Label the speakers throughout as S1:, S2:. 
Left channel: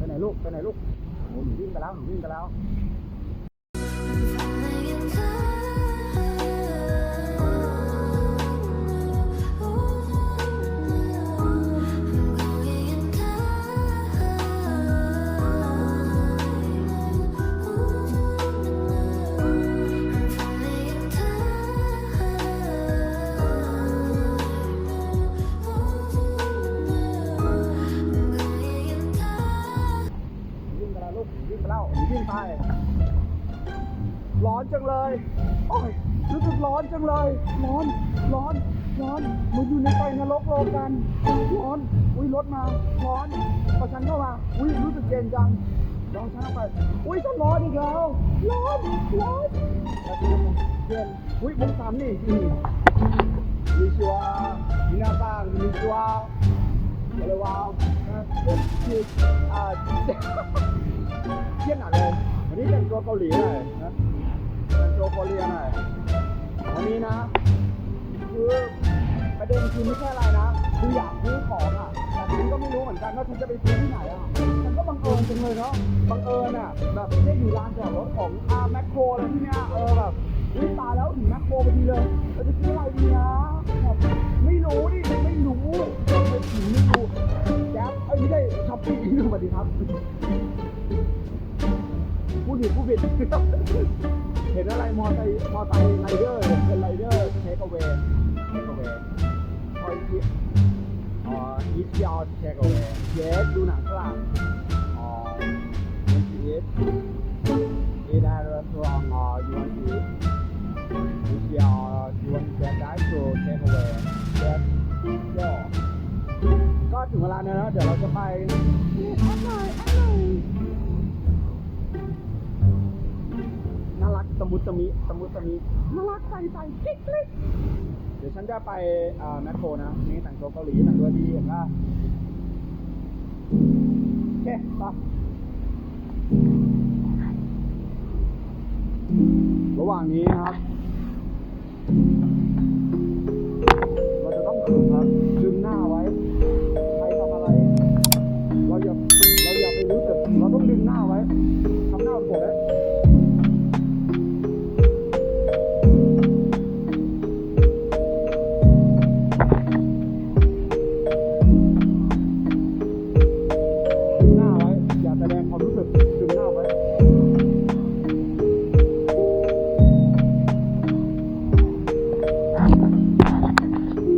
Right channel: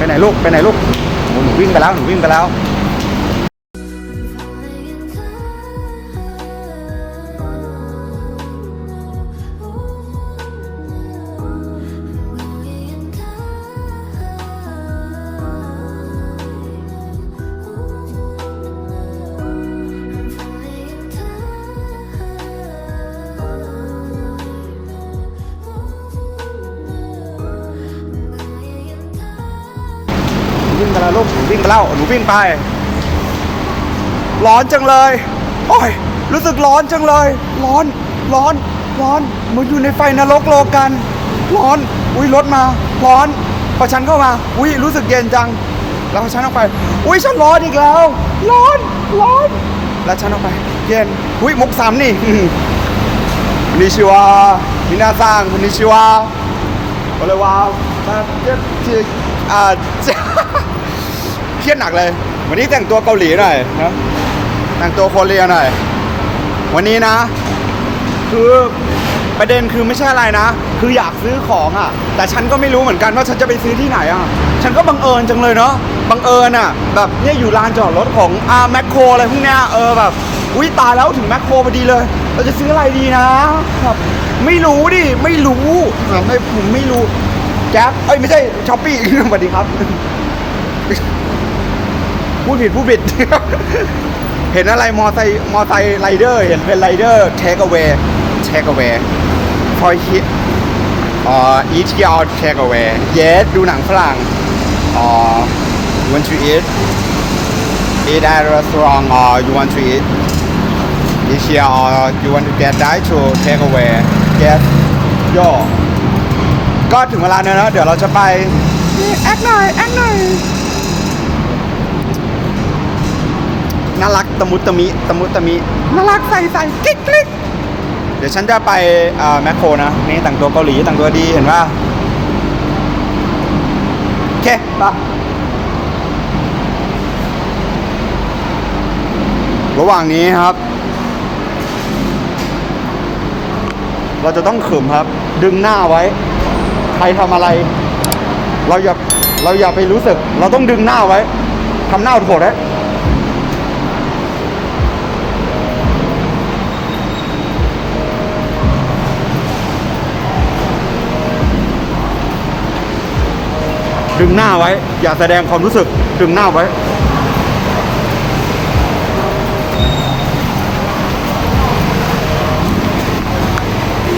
S1: ไปไหนลูก ไปไหนลูกหนูวิ่งไปแล้ว หนูวิ่งไปแล้ว ไป ร้อนจังเลย โอ้ย รู้สึกร้อนจังเลย ร้อน ร้อน ร้อนเหมือนอยู่ในไฟนรกโลกัน ร้อน อุ้ยรถมา ร้อนประชันเข้ามา อุ้ยรู้สึกเย็นจัง แล้วระชันออกไป อุ้ยฉันร้อนอีกแล้ว ร้อน ร้อน แล้วฉันออกไป เย็น อุ้ยมุกสามนี่นิชิวามินาซังนิชิวาอะไรวาวเจ็บจ็ดอ่า เครียดหนักเลย วันนี้แต่งตัวเกาหลีหน่อยนะแต่งตัวโคเรียหน่อย วันนี้นะ คือประเด็นคือไม่ใช่อะไรนะ คืออยากซื้อของอะ แต่ฉันก็ไม่รู้เหมือนกันว่าฉันจะไปซื้อที่ไหนอะ ฉันก็บังเอิญจังเลยเนาะ บังเอิญอะ แบบเนี่ยอยู่ลานจอดรถของอาแมคโครอะไรพวกเนี้ย เออแบบ อุ้ยตายแล้วถึงแมคโครพอดีเลย เราจะซื้ออะไรดีนะ แบบไม่รู้ดิ ไม่รู้แบบไม่ผมไม่รู้ แก๊ปเอ้ยไม่ใช่ช้อปปี้สวัสดีครับ พูดผิดพูดผิด เห็นอะไรมอไซค์มอไซค์ไรเดอร์เห็นเป็นไรเดอร์เทคเอาไว้เทคเอาไว้พอยคิดอ่า eat out take away yes ดูหนังฝรั่งอ่า you want to eat eat at a restaurant or you want to eat eat here or you want to get that to take away yes yo ก็ถึงเวลาเนยนะเดี๋ยวเราจะไปแอคหน่อยแอคหน่อย ตะมุตะมิตะมุตะมิน่ารักใส่ใส่กิ๊กกิ๊กเดี๋ยวฉันจะไปแมคโครนะนี่แต่งตัวเกาหลีแต่งตัวดีเห็นว่าโอเคปะระหว่างนี้ครับ เราจะต้องขึมครับ ดึงหน้าไว้ ใครทำอะไร เราอย่าเราอย่าไปรู้สึก เราต้องดึงหน้าไว้ทำหน้าโถดไว้ ดึงหน้าไว้ อย่าแสดงความรู้สึก ดึงหน้าไว้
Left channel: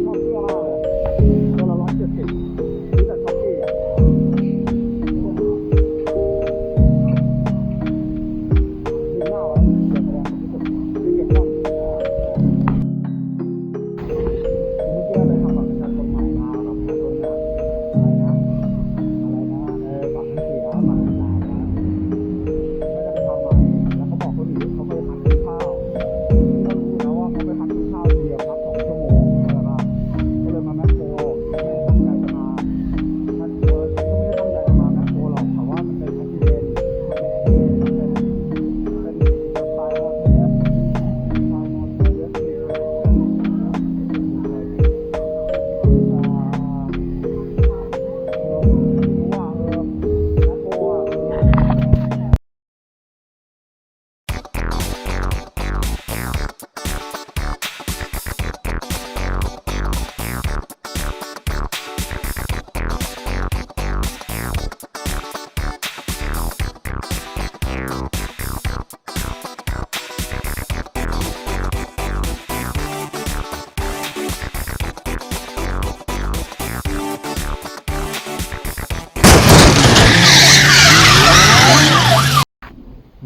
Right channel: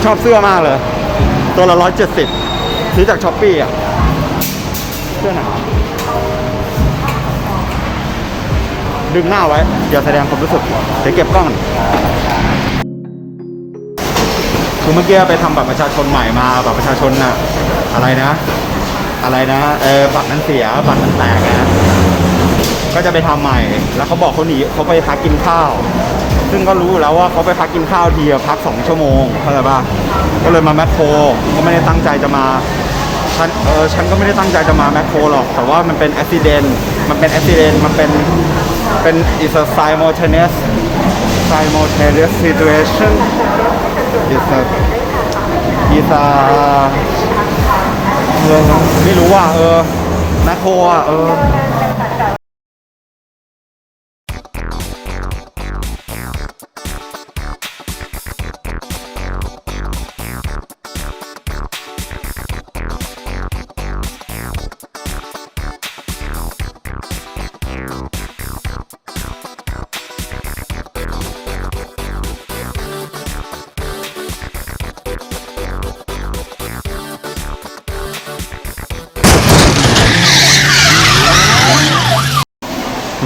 S1: ชอบเสื้อมากเลย ตัวละร้อยเจ็ดสิบซื้อจากช้อปปี้อะ เสื้อหนาดึงหน้าไว้ อย่าแสดงความรู้สึกเดี๋ยวเก็บกล้องคือเมื่อกี้ไปทำบัตรประชาชนใหม่มาบัตรประชาชนน่ะ อะไรนะ อะไรนะเออบัตรนั้นเสียบัตรนั้นแตกนะก็จะไปทำใหม่ แล้วเขาบอกเขาหนีเขาไปพักกินข้าว ซึ่งก็รู้แล้วว่าเขาไปพักกินข้าวทีพักสองชั่วโมงเข้าใจป่ะก็เลยมาแมคโครก็ไม่ได้ตั้งใจจะมาฉันเออฉันก็ไม่ได้ตั้งใจจะมาแมคโครหรอก แต่ว่ามันเป็นอุบิเหตุมันเป็นอุบิเหตุมันเป็นเป็น is a simultaneous simultaneous situation is a is a เออ ไม่รู้ว่าเออแมคโครอะเออ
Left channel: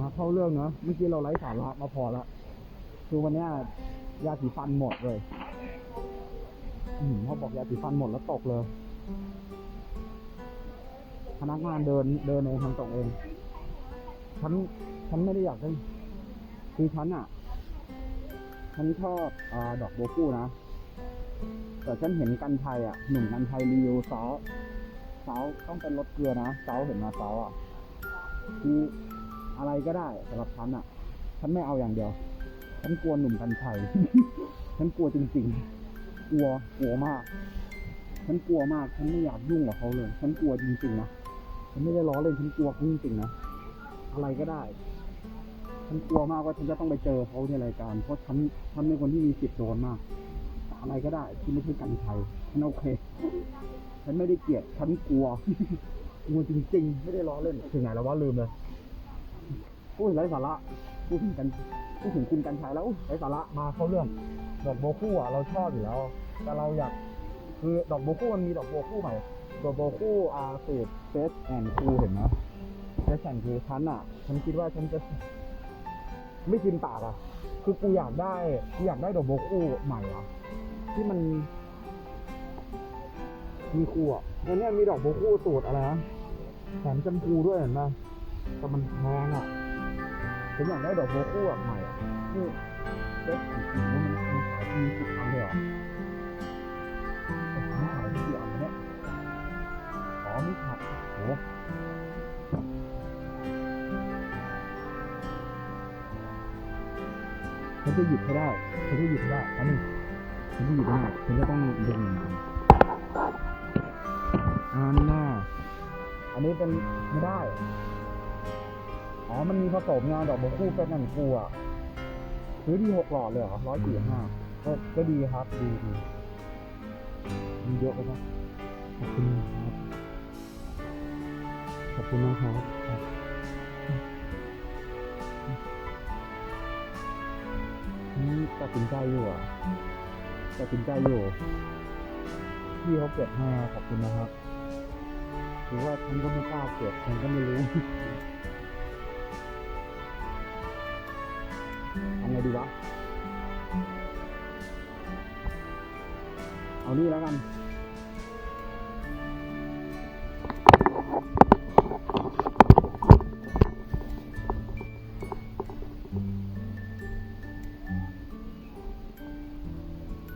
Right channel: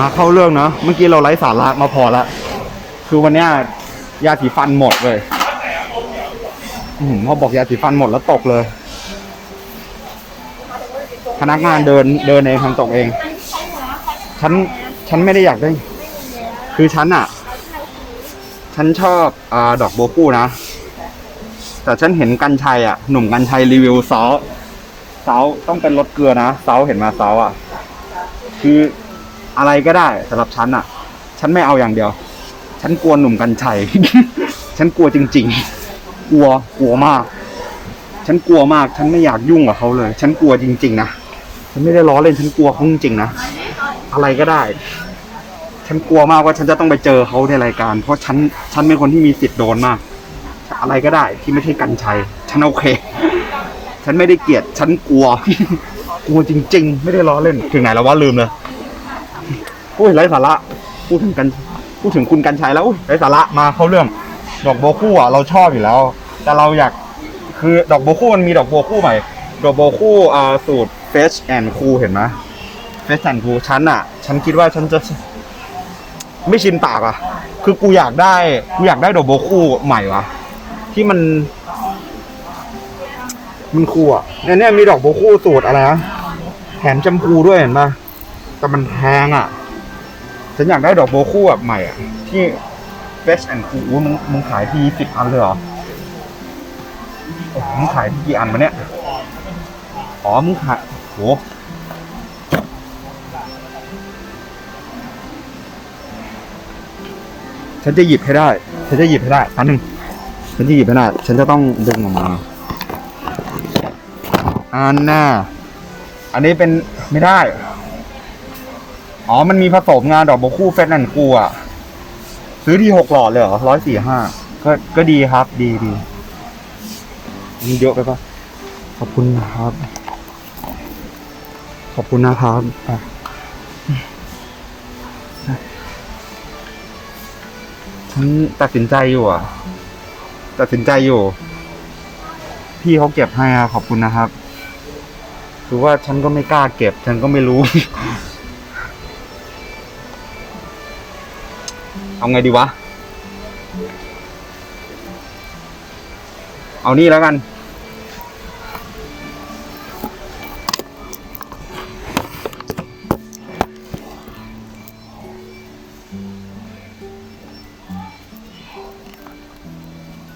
S1: มาเข้าเรื่องเนาะเมื่อกี้เราไร้สาระมาพอละคือวันเนี้ยยาสีฟันหมดเลยอืมพอบอกยาสีฟันหมดแล้วตกเลย พนักงานเดินเดินเองทำตกเอง ฉันฉันไม่ได้อยากได้ คือฉันอะฉันชอบอดอกโบกู้นะ แต่ฉันเห็นกันชัยอะหนุ่มกันชัยรีวิวซอสซอสต้องเป็นรสเกลือนะซอเห็นมาซอสอะคือ อะไรก็ได้สำหรับฉันอะ ฉันไม่เอาอย่างเดียว ฉันกลัวหนุ่มกัญชัย ฉันกลัวจริง ๆ กลัวกลัวมาก ฉันกลัวมาก ฉันไม่อยากยุ่งกับเขาเลย ฉันกลัวจริง ๆ นะฉันไม่ได้ล้อเล่นฉันกลัวเขาจริงๆนะอะไรก็ได้ ฉันกลัวมากว่าฉันจะต้องไปเจอเขาในรายการ เพราะฉันฉันเป็นคนที่มีสิทธิ์โดนมาก อะไรก็ได้ที่ไม่ใช่กันชัย ฉันโอเค ฉันไม่ได้เกลียด ฉันกลัว กลัวจริง ๆ ไม่ได้ล้อเล่นถึงไหนแล้วว่าลืมเลย อุ้ยไร้สาระพูดถึงกันพูดถึงคุณกันชัยแล้วอุ้ยไร้สาระมาเข้าเรื่อง ดอกโบวคู่อะเราชอบอยู่แล้ว แต่เราอยากคือดอกโบวคู่มันมีดอกโบวคู่ใหม่ ดอกโบวคู่อ่าสูตร Fresh and Cool เห็นไหม Fresh and Cool ฉันอะ ฉันคิดว่าฉันจะไม่ชินปากอะ คือกูอยากได้กูอยากได้ดอกโบวคู่ใหม่ว่ะ ที่มัน มันคูลอะเนี่ยเนี่ยมีดอกโบวคู่สูตรอะไรนะแถมแชมพูด้วยเห็นปะแต่มันแพงอะ ฉันอยากได้ดอกโบคู่แบบใหม่อะ ที่ Fresh and Cool มึงมึงขายทีสิบอันเลยเหรอโอ้โหมึงขายที่กี่อันมาเนี่ย อ๋อ มึงขายโหฉันจะหยิบให้ได้ ฉันจะหยิบให้ได้อันหนึ่งฉันจะหยิบให้ได้ ฉันจะต้องดึงออกมาอันน่ะอันนี้เป็นไม่ได้ อ๋อ มันมีผสมงานดอกโบวคู่เฟสนันกูอะ ซื้อที่หกหลอดเลยเหรอร้อยสี่ห้าก็ก็ดีครับดีดีมีเยอะไปปะขอบคุณนะครับ ขอบคุณนะครับอะฉันตัดสินใจอยู่อะ ตัดสินใจอยู่ พี่เขาเก็บให้อะขอบคุณนะครับ คือว่าฉันก็ไม่กล้าเก็บ ฉันก็ไม่รู้ เอาไงดีวะ เอานี่แล้วกัน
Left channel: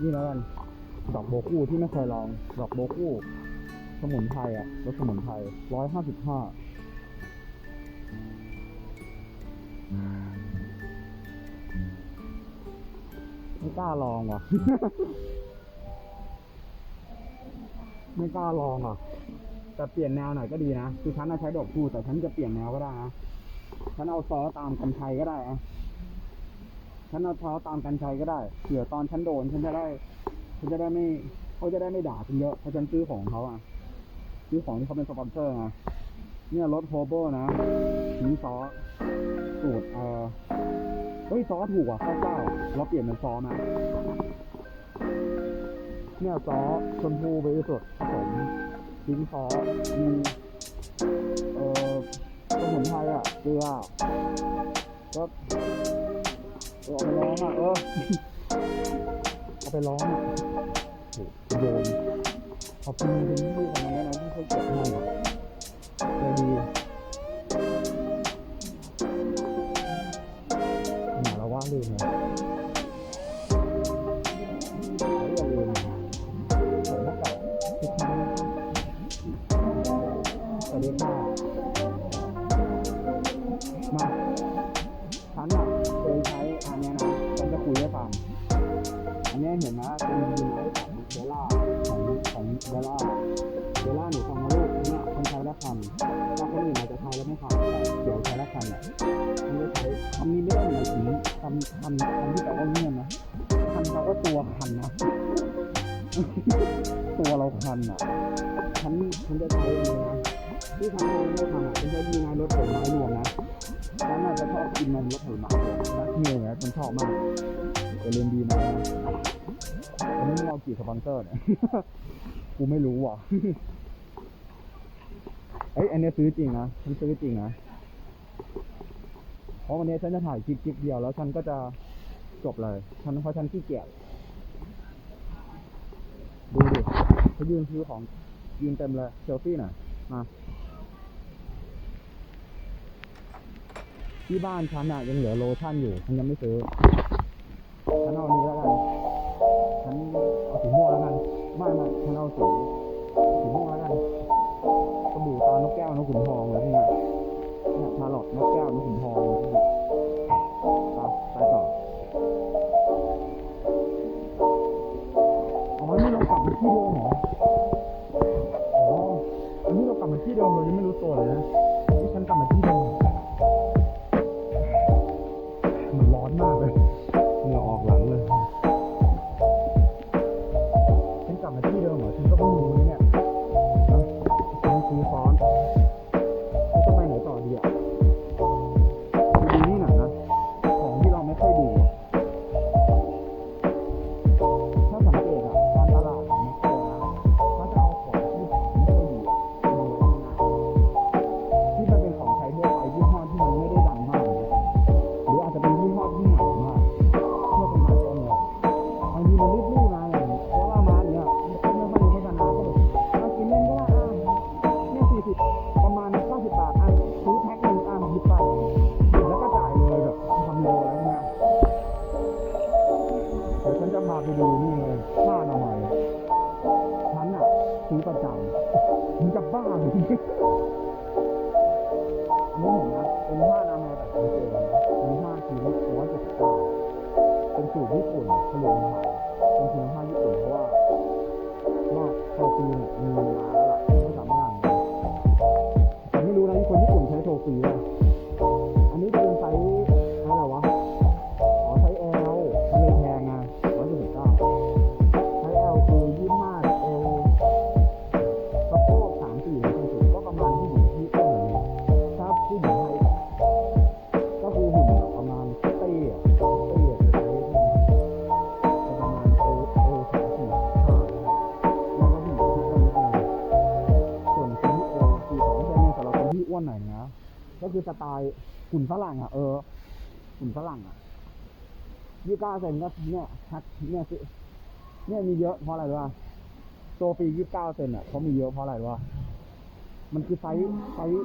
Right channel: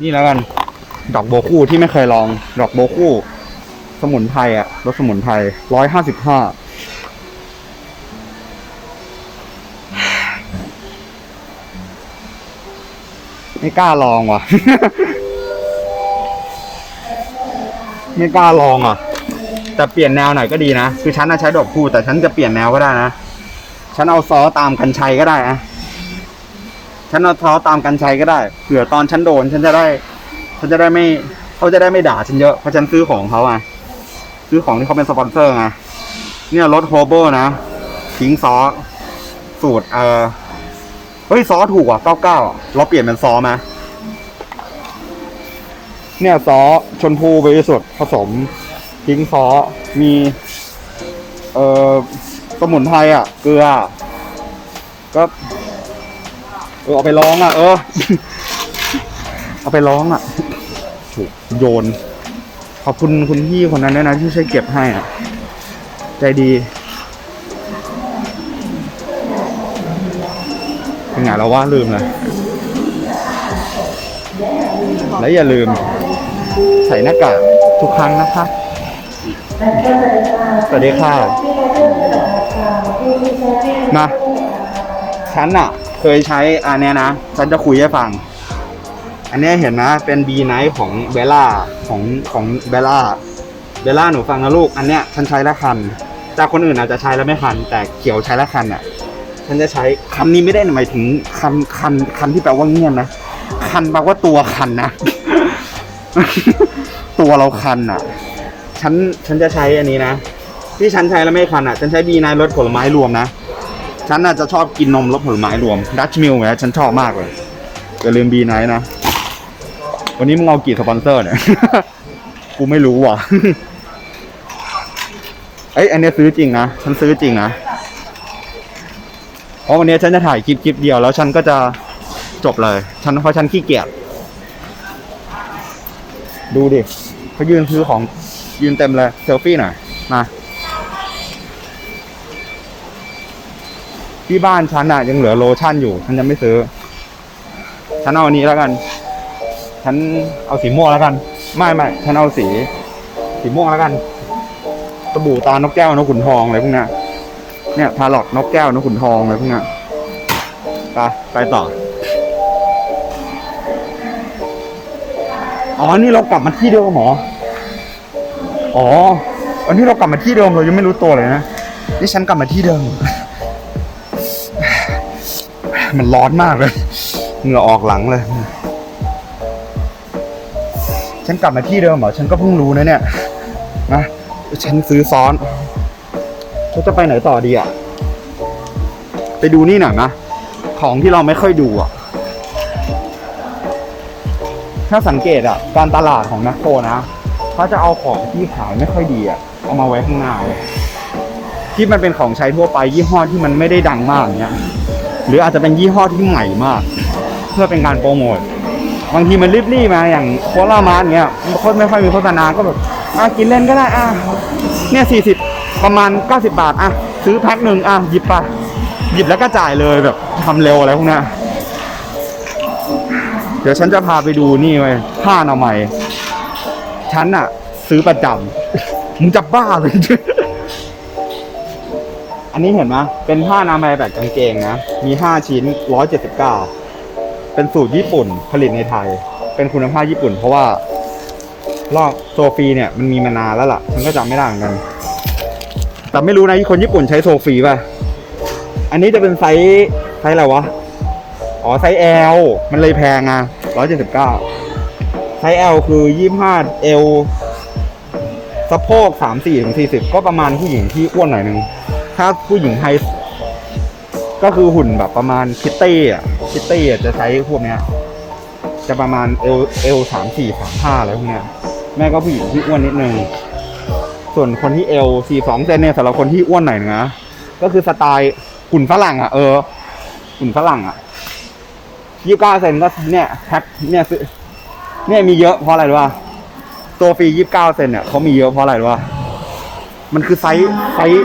S1: นี่แล้วกัน ดอกโบคู่ที่ไม่เคยลอง ดอกโบคู่ สมุนไพรอะรสสมุนไพรร้อยห้าสิบห้า ไม่กล้าลองว่ะ ไม่กล้าลองอะ แต่เปลี่ยนแนวหน่อยก็ดีนะ คือฉันน่ะใช้ดอกคู่แต่ฉันจะเปลี่ยนแนวก็ได้นะ ฉันเอาซอตามกันชัยก็ได้นะฉันเอาซอตามกันชัยก็ได้ เผื่อตอนฉันโดนฉันจะได้ ฉันจะได้ไม่เขาจะได้ไม่ด่าฉันเยอะ เพราะฉันซื้อของเขาไงซื้อของที่เขาเป็นสปอนเซอร์ไง เนี่ยรถโฮโบนะทิ้งซอสสูตรเอ่อ เฮ้ยซอสถูกว่ะเก้าเก้าเราเปลี่ยนเป็นซอสไหมเนี่ยซอสชนพูบริสุทธิ์ผสมทิ้งซอสมี เอ่อสมุนไพรอะ เกลือ ก็เออเอาไปร้องอะ เออ เอาไปร้องอะถูกโยน ขอบคุณคุณพี่คนนั้นด้วยนะที่ช่วยเก็บให้อะ ใจดี ไงเราว่าลืมเลยและอย่าลืม ใส่หน้ากากทุกครั้งนะคะ สวัสดีค่ะ มาฉันอะเคยใช้อันเนี้ยนะ ฉันจะคุยให้ฟัง อันเนี้ยเห็นนะ เป็น B Night ของเบลล่าของของเบลล่าเบลล่าหนูฟังนะลูก อันเนี้ยฉันใช้แล้วคัน จากคนอื่นอาจจะใช้แล้วไม่คัน แต่เขียวใช้แล้วคันอะ ฉันจะใช้คำนี้ไม่ได้หมายถึงคันคันคันที่แปลว่าเงียบนะ คันแปลว่าตัวคันนะ ตัวเราคันอะ ฉันฉันจะใช้อันนี้นะ ที่ฉันใช้แล้วไม่คันอะ ฉันใช้ B Night รสผลไม้รวมนะ ฉันน่าจะชอบกินนมรสผลไม้รวมดัชมิลเนี่ยฉันชอบมากเลยอย่าลืม B Night นะ วันนี้มึงเอากี่สปอนเซอร์เนี่ย กูไม่รู้ว่ะ เอ้ยอันเนี้ยซื้อจริงนะ ฉันซื้อจริงนะ ราะวันนี้ฉันจะถ่ายคลิปคลิปเดียวแล้วฉันก็จะจบเลย ฉันเพราะฉันขี้เกียจ ดูดิเขายืนซื้อของยืนเต็มเลย เซลฟี่หน่อย มาที่บ้านฉันอะยังเหลือโลชั่นอยู่ ฉันยังไม่ซื้อ ฉันเอาอันนี้แล้วกัน ฉันเอาสีม่วงแล้วกัน ไม่ไม่ฉันเอาสี สีม่วงแล้วกันสบู่ตานกแก้วนกขุนทองอะไรพวกนี้ เนี่ยพาหลอดนกแก้วนกขุนทองอะไรพวกเนี้ยไปไปต่อ อ๋อ นี่เรากลับมาที่เดิมเหรอ อ๋ออวันนี้เรากลับมาที่เดิมเรายังไม่รู้ตัวเลยนะ นี่ฉันกลับมาที่เดิม มันร้อนมากเลยเหงื่อออกหลังเลย ฉันกลับมาที่เดิมเหรอ ฉันก็เพิ่งรู้นะเนี่ยนะฉันซื้อซ้อน เราจะไปไหนต่อดีอะ ไปดูนี่หน่อยนะของที่เราไม่ค่อยดูอะ ถ้าสังเกตอะ การตลาดของแมคโครนะเขาจะเอาของที่ขายไม่ค่อยดีอะ เอามาไว้ข้างหน้าเลยที่มันเป็นของใช้ทั่วไปยี่ห้อที่มันไม่ได้ดังมากเนี้ยหรืออาจจะเป็นยี่ห้อที่ใหม่มาก เพื่อเป็นการโปรโมทบางทีมันรีบๆมาอย่างโคลามาร์เงี้ยมันก็ไม่ค่อยมีโฆษณาก็แบบอะกินเล่นก็ได้อะเนี่ยสี่สิบ ประมาณ 90 บาทอะซื้อแพ็คหนึ่งอะหยิบไปหยิบแล้วก็จ่ายเลยแบบทำเร็วอะไรพวกเนี้ยเดี๋ยวฉันจะพาไปดูนี่เว้ยผ้าอนามัยฉันอะซื้อประจำมึงจะบ้าเลยอันนี้เห็นไหมเป็นผ้าอนามัยแบบกางเกงนะ มี5ชิ้น179เป็นสูตรญี่ปุ่นผลิตในไทย เป็นคุณภาพญี่ปุ่น เพราะว่าลอกโซฟีเนี่ยมันมีมานานแล้วล่ะมันก็จำไม่ได้เหมือนกัน แต่ไม่รู้นะคนญี่ปุ่นใช้โซฟีป่ะ อันนี้จะเป็นไซส์ไซส์อะไรวะ อ๋อไซส์ L มันเลยแพงอะ179ไซส์ L คือ25 L สะโพก34ถึง40ก็ประมาณผู้หญิงที่อ้วนหน่อยนึง ถ้าผู้หญิงไฮก็คือหุ่นแบบประมาณคิตตี้อะคิตตี้อะจะใช้พวกเนี้ย จะประมาณเอลเอลสามสี่สามห้าอะไรพวกเนี้ย แม่ก็ผู้หญิงที่อ้วนนิดนึง ส่วนคนที่เอลสี่สองเซนเนี่ยสำหรับคนที่อ้วนหน่อยนะก็คือสไตล์ขุนฝรั่งอะเออขุนฝรั่งอะยี่สิบเก้าเซนก็เนี่ยแพ็คเนี่ยซื้อเนี่ยมีเยอะเพราะอะไรรู้ป่ะตัวฟรียี่สิบเก้าเซนเนี่ยเขามีเยอะเพราะอะไรรู้ป่ะมันคือไซส์ไซส์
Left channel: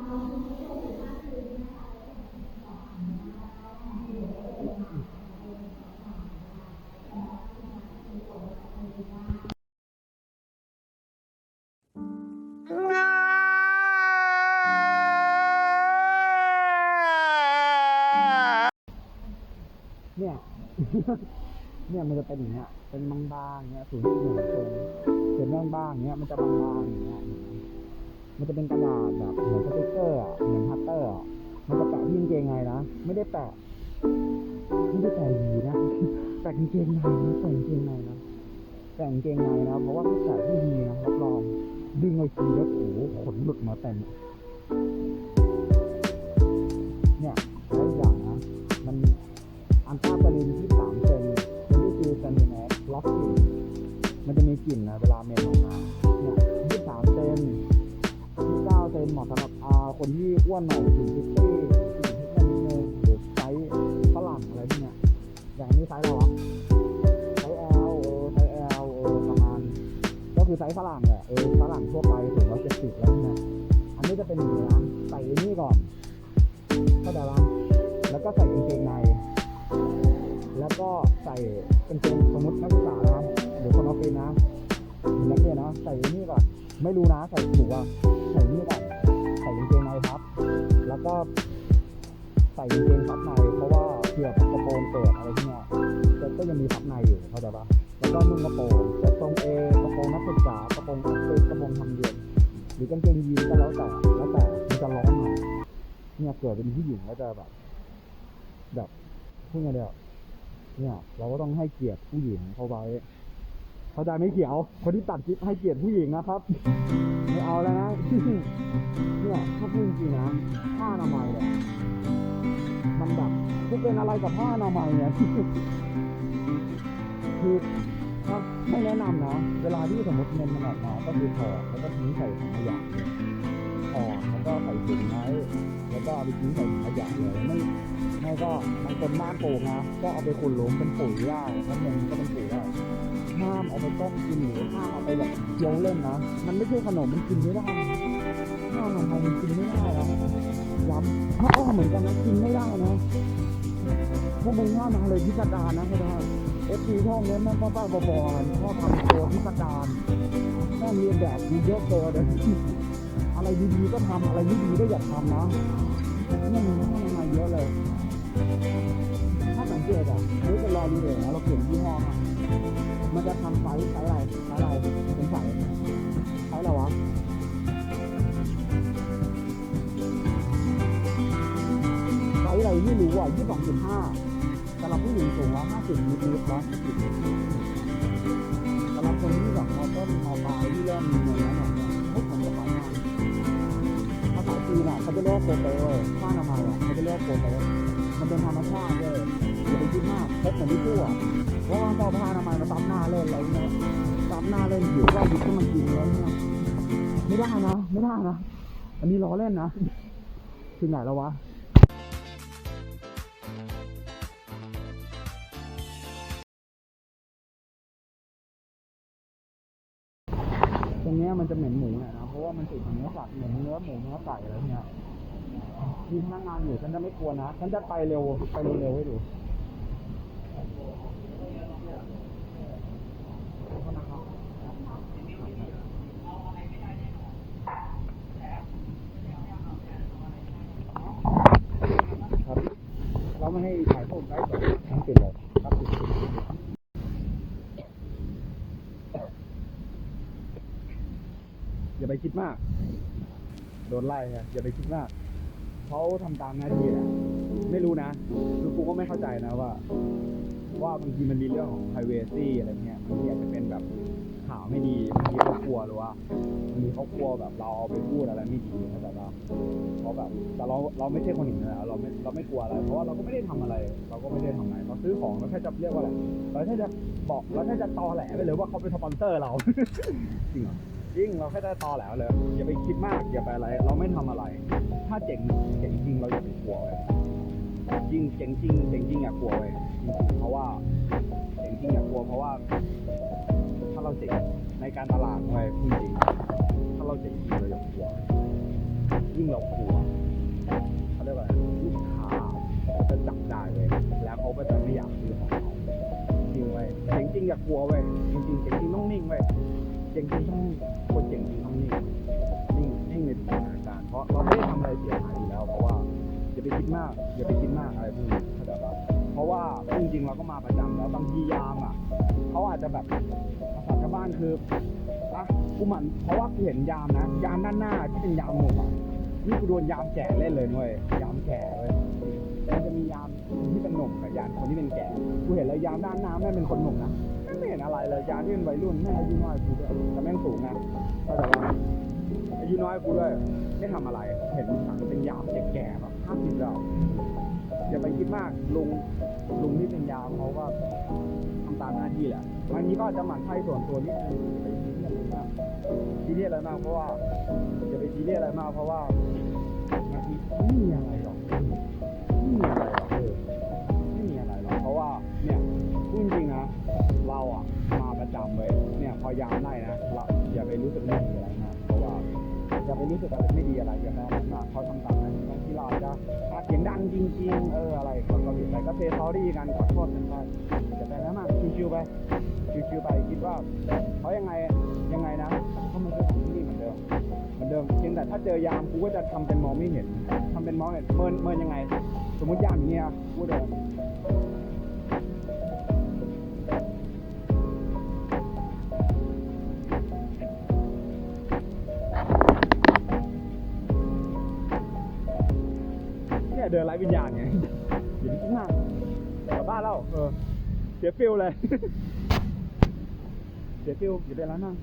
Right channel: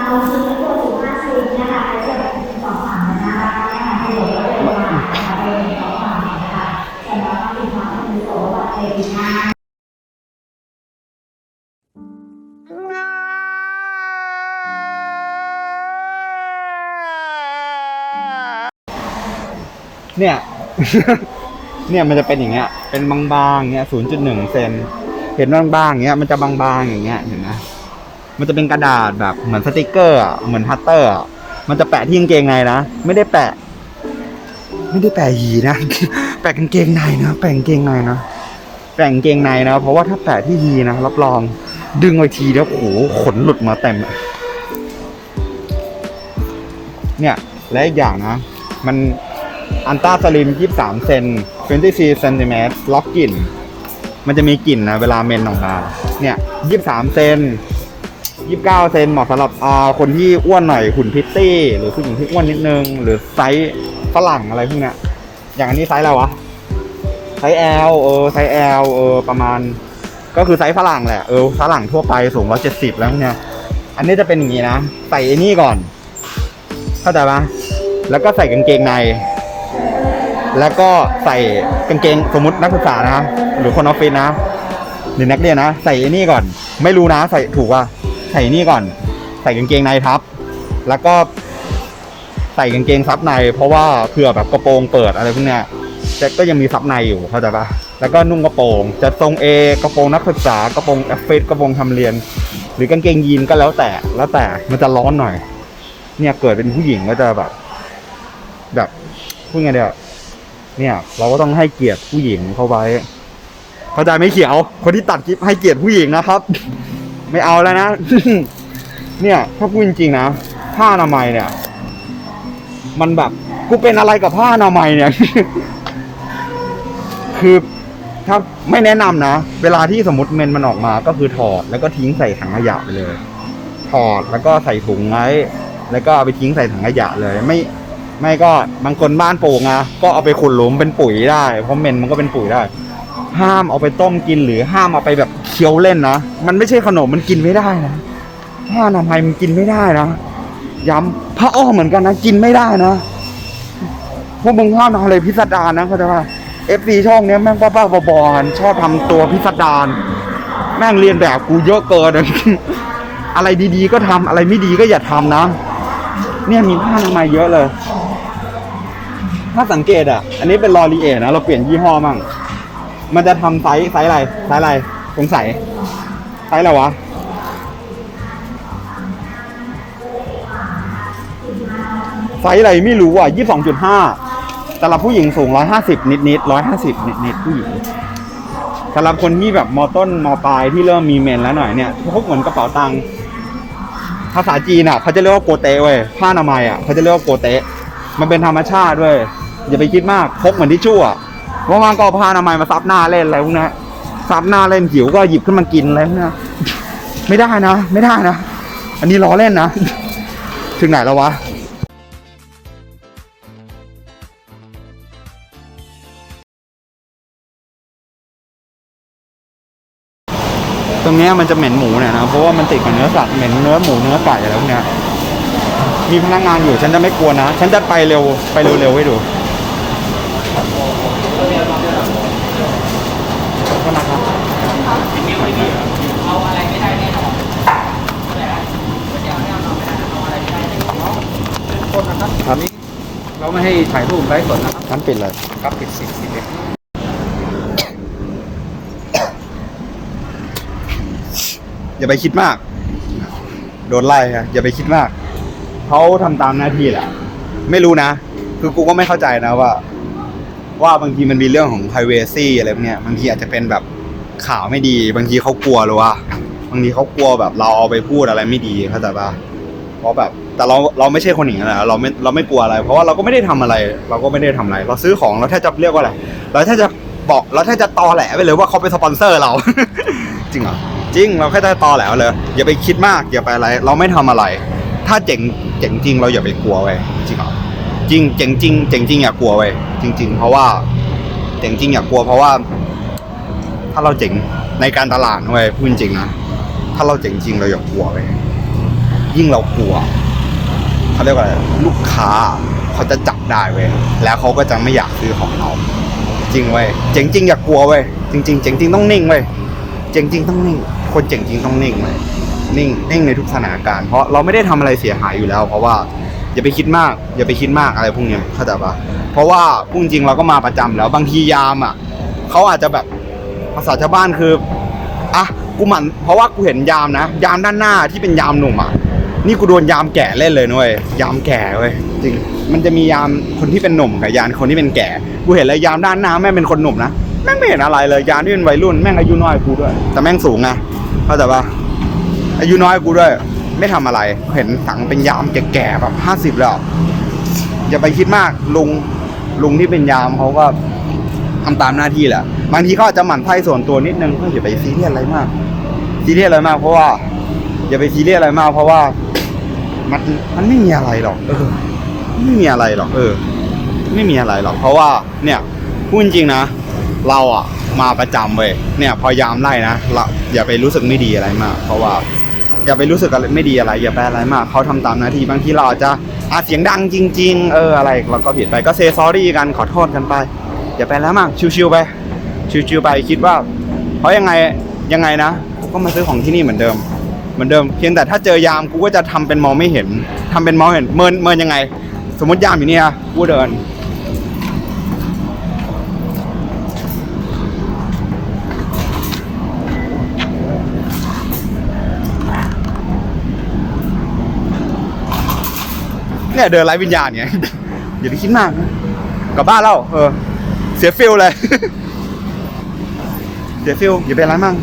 S1: เนี่ย เนี่ยมันจะเป็นอย่างเงี้ย เป็นบางๆเงี้ย0.1เซน เห็นบางๆเงี้ย มันจะบางๆอย่างเงี้ย เห็นไหมมันจะเป็นกระดาษแบบเหมือนสติกเกอร์เหมือนพัตเตอร์ มันจะแปะที่กางเกงในนะ ไม่ได้แปะ ไม่ได้แปะหีนะ แปะกางเกงในนะ แปะกางเกงในนะ แปะกางเกงในนะ เพราะว่าถ้าแปะที่หีนะรับรอง ดึงไว้ทีแล้วโอ้โหขนหลุดมาเต็มเนี่ย และอีกอย่างนะ มัน อันต้าสลิม 23 เซน24เซนติเมตรล็อกกลิ่น มันจะมีกลิ่นนะเวลาเมนออกมาเนี่ย 23 เซน29 เซนเหมาะสำหรับอ่าคนที่อ้วนหน่อยหุ่นพิตตี้ หรือผู้หญิงที่อ้วนนิดนึง หรือไซส์ฝรั่งอะไรพวกเนี้ยอย่างอันนี้ไซส์อะไรวะ ไซส์ L เออไซส์ L เออประมาณ ก็คือไซส์ฝรั่งแหละเออฝรั่งทั่วไปสูง170แล้วเนี่ย อันนี้จะเป็นอย่างนี้นะ ใส่ไอ้นี่ก่อน เข้าใจปะแล้วก็ใส่กางเกงใน แล้วก็ใส่กางเกงสมมตินักศึกษานะหรือคนออฟฟิศนะหรือนักเรียนนะ ใส่นี่ก่อน ไม่รู้นะ ใส่ถูกว่าใส่นี่ก่อน ใส่กางเกงในทับ แล้วก็ใส่กางเกงซับใน เพราะว่าเผื่อแบบกระโปรงเปิดอะไรพวกเนี้ยแต่ก็ยังมีซับในอยู่เข้าใจปะแล้วก็นุ่งกระโปรง จะทรงเอกระโปรงนักศึกษากระโปรงแอฟเฟสกระโปรงทำเรียน หรือกางเกงยีนก็แล้วแต่แล้วแต่มันจะร้อนหน่อย เนี่ยเกิดเป็นผู้หญิงก็จะแบบ แบบ พูดไงเดียวเนี่ย เราก็ต้องให้เกียรติผู้หญิงเข้าไว้เข้าใจไหม่เขียว คนที่ตัดคลิปให้เกียรติผู้หญิงนะครับ ไม่เอาแล้วนะ เนี่ยถ้าพูดจริงๆนะผ้าอนามัยเนี่ย มันแบบกูเป็นอะไรกับผ้าอนามัยเนี่ย คือถ้าไม่แนะนำนะ เวลาที่สมมติเมนมันออกมาก็คือถอดแล้วก็ทิ้งใส่ถังขยะไปเลย ถอดแล้วก็ใส่ถุงไว้แล้วก็เอาไปทิ้งใส่ถังขยะเลย ไม่ ไม่ก็บางคนบ้านปลูกนะก็เอาไปขุดหลุมเป็นปุ๋ยได้ เพราะเมนมันก็เป็นปุ๋ยได้ ห้ามเอาไปต้มกินหรือห้ามเอาไปแบบเคี้ยวเล่นนะ มันไม่ใช่ขนมมันกินไม่ได้นะผ้าอนามัยมันกินไม่ได้นะย้ำผ้าอ้อมเหมือนกันนะกินไม่ได้นะพวกมึงห้ามทำอะไรพิสดารนะเขาใจว่าเอฟซีช่องเนี้ยแม่งป้าๆบอๆชอบทำตัวพิสดารแม่งเรียนแบบกูเยอะเกินอะไรดีๆก็ทำอะไรไม่ดีก็อย่าทำนะ เนี่ยมีผ้าอนามัยเยอะเลย ถ้าสังเกตอะ อันนี้เป็นลอรีเอนะ เราเปลี่ยนยี่ห้อมั่ง มันจะทำไซส์ไซส์อะไร ไซส์อะไร สงสัย ไซส์อะไรวะ ไซส์อะไรไม่รู้อะยี่สองจุดห้าสำหรับผู้หญิงสูงร้อยห้าสิบนิดนิดร้อยห้าสิบนิดนิดผู้หญิงสำหรับคนที่แบบมอต้นมอปลายที่เริ่มมีเมนแล้วหน่อยเนี่ยพวกเหมือนกระเป๋าตังค์ภาษาจีนอะเขาจะเรียกว่าโกเตเว้ยผ้าอนามัยอะเขาจะเรียกว่าโกเตมันเป็นธรรมชาติเว้ย อย่าไปคิดมากพกเหมือนทิชชู่อะว่างๆก็ผ้าอนามัยมาซับหน้าเล่นอะไรพวกนี้ซับหน้าเล่นหิวก็หยิบขึ้นมากินอะไรพวกนี้ไม่ได้นะ ไม่ได้นะ อันนี้ล้อเล่นนะ ถึงไหนแล้ววะตรงนี้มันจะเหม็นหมูเนี่ยนะ เพราะว่ามันติดกับเนื้อสัตว์เหม็นเนื้อหมูเนื้อไก่อะไรพวกเนี้ยมีพนักงานอยู่ฉันจะไม่กลัวนะ ฉันจะไปเร็วไปเร็วๆให้ดู ครับ
S2: เราไม่ให้ถ่ายรูปไลฟ์สดนะครับ
S1: งั้นปิดเลย
S2: ครับปิดสิบสิบเอ็ด
S1: อย่าไปคิดมาก โดนไล่ฮะอย่าไปคิดมาก เขาทำตามหน้าที่แหละ ไม่รู้นะ คือกูก็ไม่เข้าใจนะว่า ว่าบางทีมันมีเรื่องของ privacy อะไรพวกเนี้ย บางทีอาจจะเป็นแบบ ข่าวไม่ดี บางทีเขากลัวหรือว่าบางทีเขากลัวแบบเราเอาไปพูดอะไรไม่ดีเข้าใจปะเพราะแบบแต่เราเราไม่ใช่คนอย่างนั้นนะเราไม่เราไม่กลัวอะไร เพราะว่าเราก็ไม่ได้ทำอะไร เราก็ไม่ได้ทำอะไร เราซื้อของเราแค่จะเรียกว่าอะไรเราแค่จะบอกเราแค่จะตอแหลไปเลยว่าเขาเป็นสปอนเซอร์เรา จริงเหรอจริงเราแค่จะตอแหลเลย อย่าไปคิดมากอย่าไปอะไร เราไม่ทำอะไร ถ้าเจ๋งเจ๋งจริงเราอย่าไปกลัวเว้ยจริงเหรอจริงเจ๋งจริงเจ๋งจริงอย่ากลัวเว้ยจริง ๆ เพราะว่าเจ๋งจริงอย่ากลัวเพราะว่า ถ้าเราเจ๋งในการตลาดเว้ยพูดจริงนะถ้าเราเจ๋งจริงเราอย่ากลัวเว้ยยิ่งเรากลัวเขาเรียกว่าอะไรลูกค้าเขาจะจับได้เว้ยแล้วเขาก็จะไม่อยากซื้อของเราจริงเว้ยเจ๋งจริงอย่ากลัวเว้ยจริงๆเจ๋งจริงต้องนิ่งเว้ยเจ๋งจริงต้องนิ่ง คนเจ๋งจริงต้องนิ่งเว้ยนิ่งนิ่งในทุกสถานการณ์เพราะเราไม่ได้ทำอะไรเสียหายอยู่แล้ว เพราะว่าอย่าไปคิดมาก อย่าไปคิดมากอะไรพวกนี้เข้าใจปะเพราะว่าพูดจริงเราก็มาประจำแล้วบางทียามอะเขาอาจจะแบบ ภาษาชาวบ้านคืออะกูหมันเพราะว่ากูเห็นยามนะ ยามด้านหน้าที่เป็นยามหนุ่มอะนี่กูโดนยามแก่เล่นเลยนุ้ยยามแก่เว้ยจริง มันจะมียามคนที่เป็นหนุ่มกับยามคนที่เป็นแก่ กูเห็นเลยยามด้านหน้าแม่งเป็นคนหนุ่มนะแม่งไม่เห็นอะไรเลยยามที่เป็นวัยรุ่นแม่งอายุน้อยกูด้วย แต่แม่งสูงไงเข้าใจปะอายุน้อยกูด้วย ไม่ทำอะไร เห็นสังเป็นยามแก่ๆแบบห้าสิบแล้วอย่าไปคิดมากลุงลุงที่เป็นยามเขาก็ ทำตามหน้าที่แหละ บางทีเขาอาจจะหมั่นไส้ส่วนตัวนิดนึงก็อย่าไปซีเรียสอะไรมากซีเรียสอะไรมากเพราะว่า อย่าไปซีเรียสอะไรมาก เพราะว่ามันมันไม่มีอะไรหรอกเออไม่มีอะไรหรอกเออ ไม่มีอะไรหรอกเพราะว่าเนี่ยพูดจริงนะ เราอะมาประจำเว้ยเนี่ยพอยามไล่นะเราอย่าไปรู้สึกไม่ดีอะไรมาก เพราะว่า อย่าไปรู้สึกอะไรไม่ดีอะไร อย่าไปอะไรมากเขาทำตามหน้าที่บางทีเราอาจจะอาจเสียงดังจริง ๆ เอออะไรเราก็ผิดไปก็เซซอรี่กันขอโทษกันไป อย่าไปแล้วมาก ชิวๆไป ชิวๆไปคิดว่าเพราะยังไงยังไงนะกูก็มาซื้อของที่นี่เหมือนเดิม เหมือนเดิมเพียงแต่ถ้าเจอยามกูก็จะทำเป็นมองไม่เห็นทำเป็นมองเห็นเมินเมินยังไง สมมติยามอยู่เนี่ยกูเดินเนี่ยเดินไร้วิญญาณเนี่ยอย่าไปคิดมากกลับบ้านแล้วเออ เสียฟิลเลย เสียฟิลอย่าเป็นไรมั่ง